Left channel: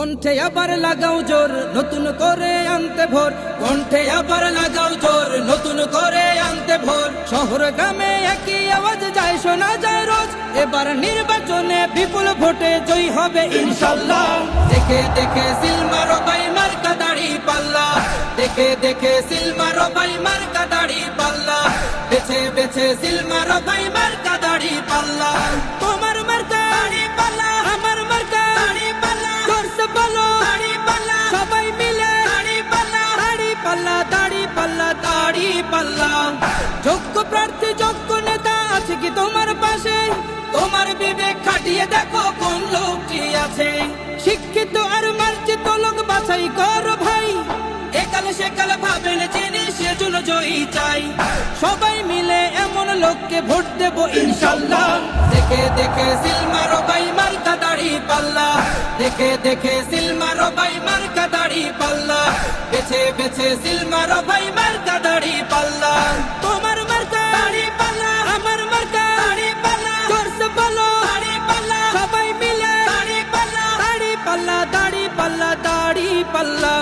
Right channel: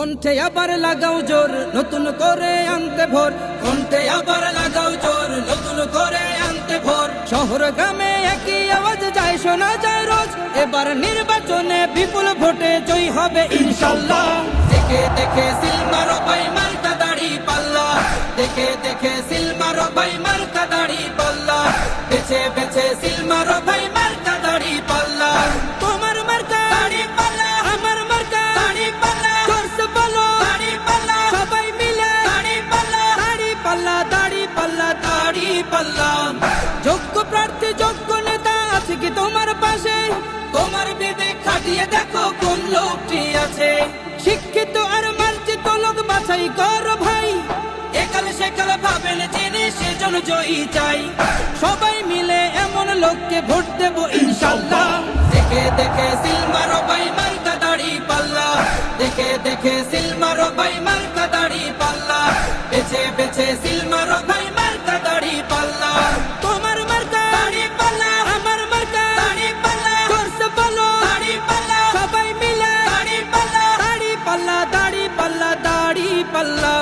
কণ্ঠে আবার লাগাও জোর নতুন করে আনতে ভোর, কণ্ঠে আবার লাগাও জোর নতুন করে আনতে ভোর। শহর গ্রামে একই আওয়াজ যায় শোনা যায় রোজ, এবার নির্বাচনে বিপুল ভোটে জয়ী হবে ইনশাল্লাহ। দেখে দেখে সিল মারো ভাই মার্কা দাড়ি পাল্লা, দেখে দেখে সিল মারো ভাই মার্কা দাড়ি পাল্লা, বেছে বেছে সিল মারো ভাই মার্কা দাড়ি পাল্লা। তোমার মার্কা দাড়ি পাল্লা, আমার মার্কা দাড়ি পাল্লা, জোরসে বলো দাড়ি পাল্লা, সবাই মিলে দাড়ি পাল্লা, দাড়ি পাল্লা, দাড়ি পাল্লা, দাড়ি পাল্লা। যোগ্য প্রার্থী যোগ্য নেতা আছে কি তোমার পাশে? তোমার বিবেক খাটিয়ে দেখো কোন লোকটি আছে। শিক্ষিত আর মার্জিত লোক বাছাই করো ভাই, একালে সেকালে ভাবেন জেনে সেজন্য জয়ী চাই। সবাই মিলে এমন লোককে ভোট দেব ইনশাল্লাহ। দেখে দেখে সিল মারো ভাই মার্কা দাড়ি পাল্লা, দেখে দেখে সিল মারো ভাই মার্কা দাড়ি পাল্লা, বেছে বেছে সিল মারো ভাই মার্কা দাড়ি পাল্লা। তোমার মার্কা দাড়ি পাল্লা, আমার মার্কা দাড়ি পাল্লা, জোরসে বলো দাড়ি পাল্লা, সবাই মিলে দাড়ি পাল্লা, দাড়ি পাল্লা, দাড়ি পাল্লা, দাড়ি পাল্লা।